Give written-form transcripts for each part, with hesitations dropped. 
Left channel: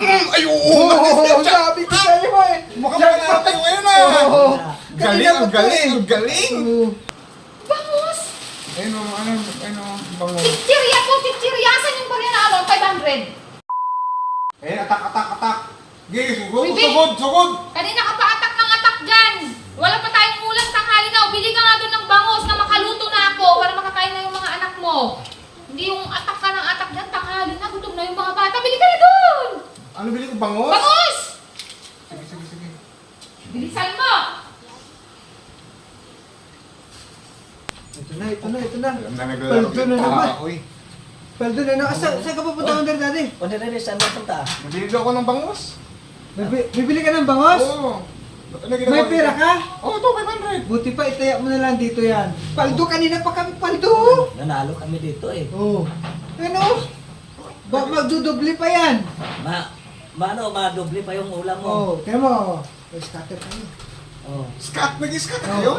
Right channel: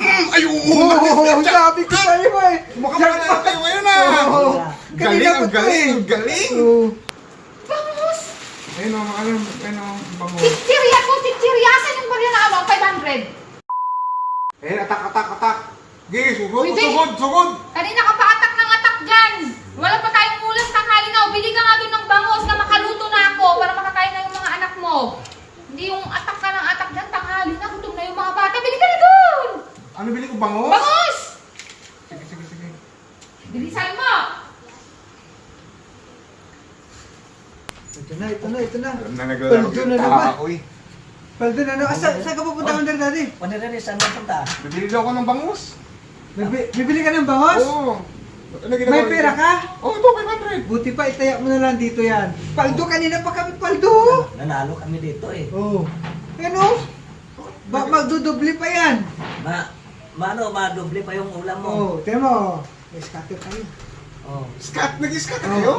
Ay, oo! Oo, sabi ko sa'yo eh. Mukhang wala tayo ngayon ah! Oo. Galing, Kanina pa ang to galing, eh. ang galing! Oo. Bangus! Ayun o, ano, bango. Chichirya to, chichirya! Saan yung barya na ano? 500? Ayun, atak. Gigi, sugod, Bibi! sugod! Kanina ka pa atak ng atak dyan! Wala pa tayong ulam tanghali na. Bili ka nga doon ng bangus na makaluto na ako para makakain na yung mga anak mo. Hindi yung atak ka ng atak dyan, tanghali na. Gutom na yung mga bata. Bili ka na doon! Ano bili ko, bangos? Bangus! Sige. Bilisan mo! Ito na. Alam na naglalaro. Paldo na naman. Oy. Paldo na naman. Saan ka pupunta Wonder Daddy? Wala rin, saan na punta? Nabili daw ako ng bangus. Bibili ka ng bangos? Oo. Ano ginagawa May dito? pera ka? Oo, ito, 500. Buti pa, itaya mo na lang dito yan. Paldo, kanina pa kami paldo. Nanalo kami dito eh. Oo. Ano? Magdudoble pa yan. Madoble pa yung ulam mo. Oo, tingnan mo. May scatter kayo. Oh. Nag-scat Oo. kayo?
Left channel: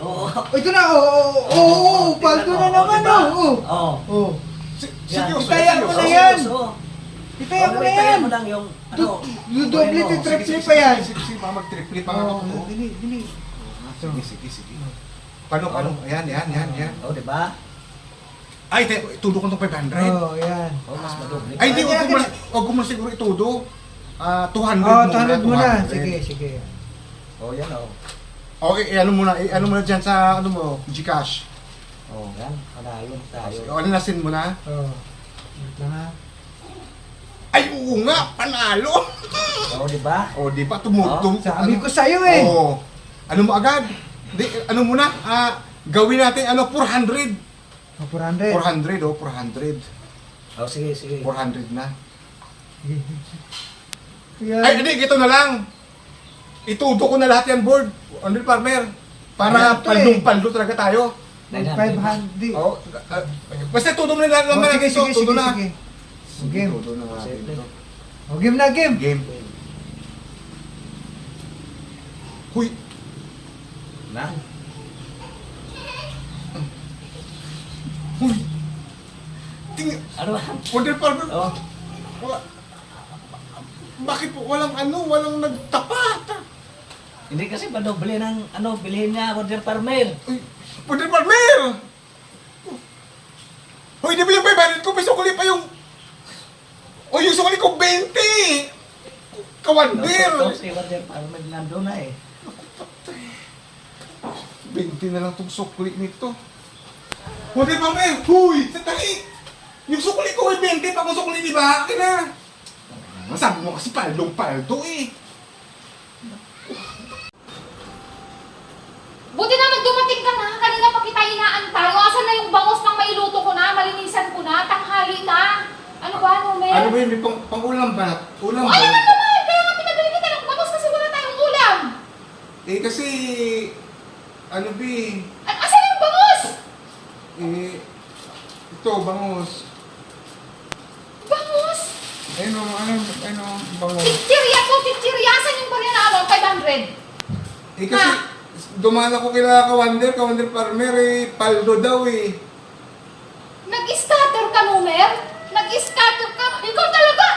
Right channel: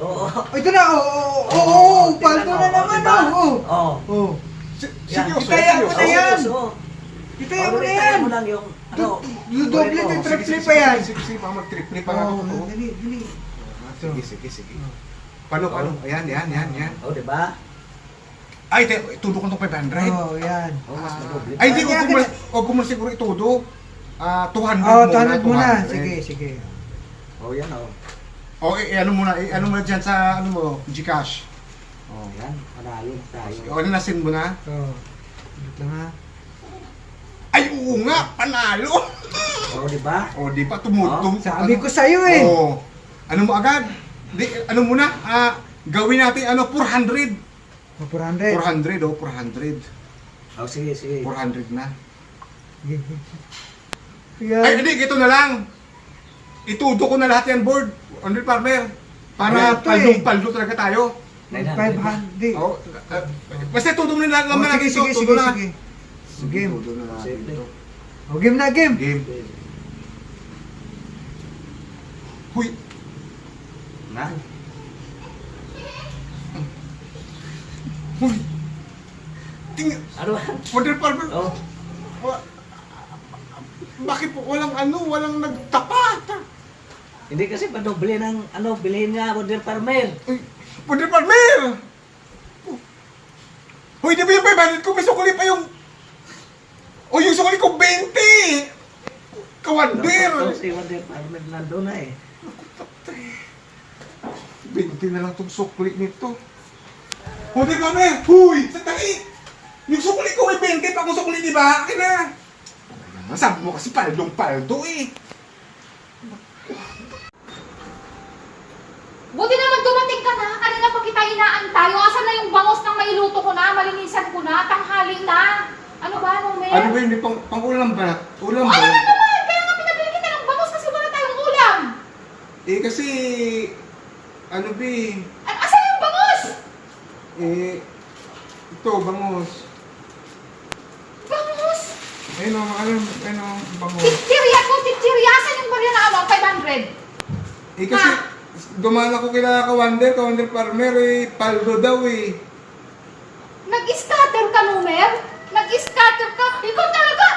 Oo. Oh, ito na, oo, paldo na naman, diba? oo. Oo. Oo. Seryoso, Itaya mo na yan. Itaya mo na yan. mo lang yung ano. Doble to triple pa yan. Sige, mag-triple pa nga Oo, ako. dali. Sige. Paano? Ayan. Oh, di ba? Ay, itudo ko ng 500. Oo, yan. Oh, mas madoble. Ay, hindi, huwag ko muna siguro itudo. 200 Oo, 200 muna. Sige. Oh, yan oh. Okay, ano muna dyan sa, Gcash. Oh, yan. Panalo tayo. O, nasin mo na. Oo. Wait lang ha. Ay, oo nga, panalo! Oh, di ba? O, di ba, tumutong. Sabi ko sa'yo eh. Oo. Ano mo agad? Ano muna? Gawin natin, 400. 400. 400, 400. Oh, sige. 400 na. Yan. Ay, hindi, ito na lang. Itudo ko na lahat yan, board. Under Farmer. Para Ito eh. paldo talaga tayo. 500. Oo. Basta tudo mo na lahat naman natin ito. Tudo na. Game. Tudo na natin ito. O, game na, game. Game. Huy. Na? Huy. Ano ba? Under Farmer. Oh. Bakit po walang nagtapat? Hindi kasi padoble ng bilhin nga Wonder Farmer. Uy, Under Farmer! Hoy, di ba yung 500 ko? May sukuli pa yung... O, yung sukuli ko 20! Kawander! Si Wonder Farmer nandun na eh. 20 na lang itong sukuli nito. Under Farmer! Huy! Sandali! Yung sukuli ko ay 20 pa kung sukuli, di ba? Akin na! Sabi mo kasi paldong-paldo eh. Buti naman dumating ka na. Kanina pa kita inaantay. Asan na yung bangus ng mailuto ko na? Malinisan ko na. Tanghali na. Ano ba, Numer? Ano ba yun? Pang-ulam ba? Ulam ba? Ano naman? Kaya nga pinabili kita ng bangus kasi wala tayong ulam. Eh kasi... Ano ba Asan yung bangus? Ito, bangus. Bangus? Ayun o, bangus. Chichirya to, chichirya. Asan yung barya na ano? 500? Eh kasi, dumaan ako kila Kawander Farmer paldo daw Nag-scatter ka, Numer? Nag-scatter ka? Ikaw talaga!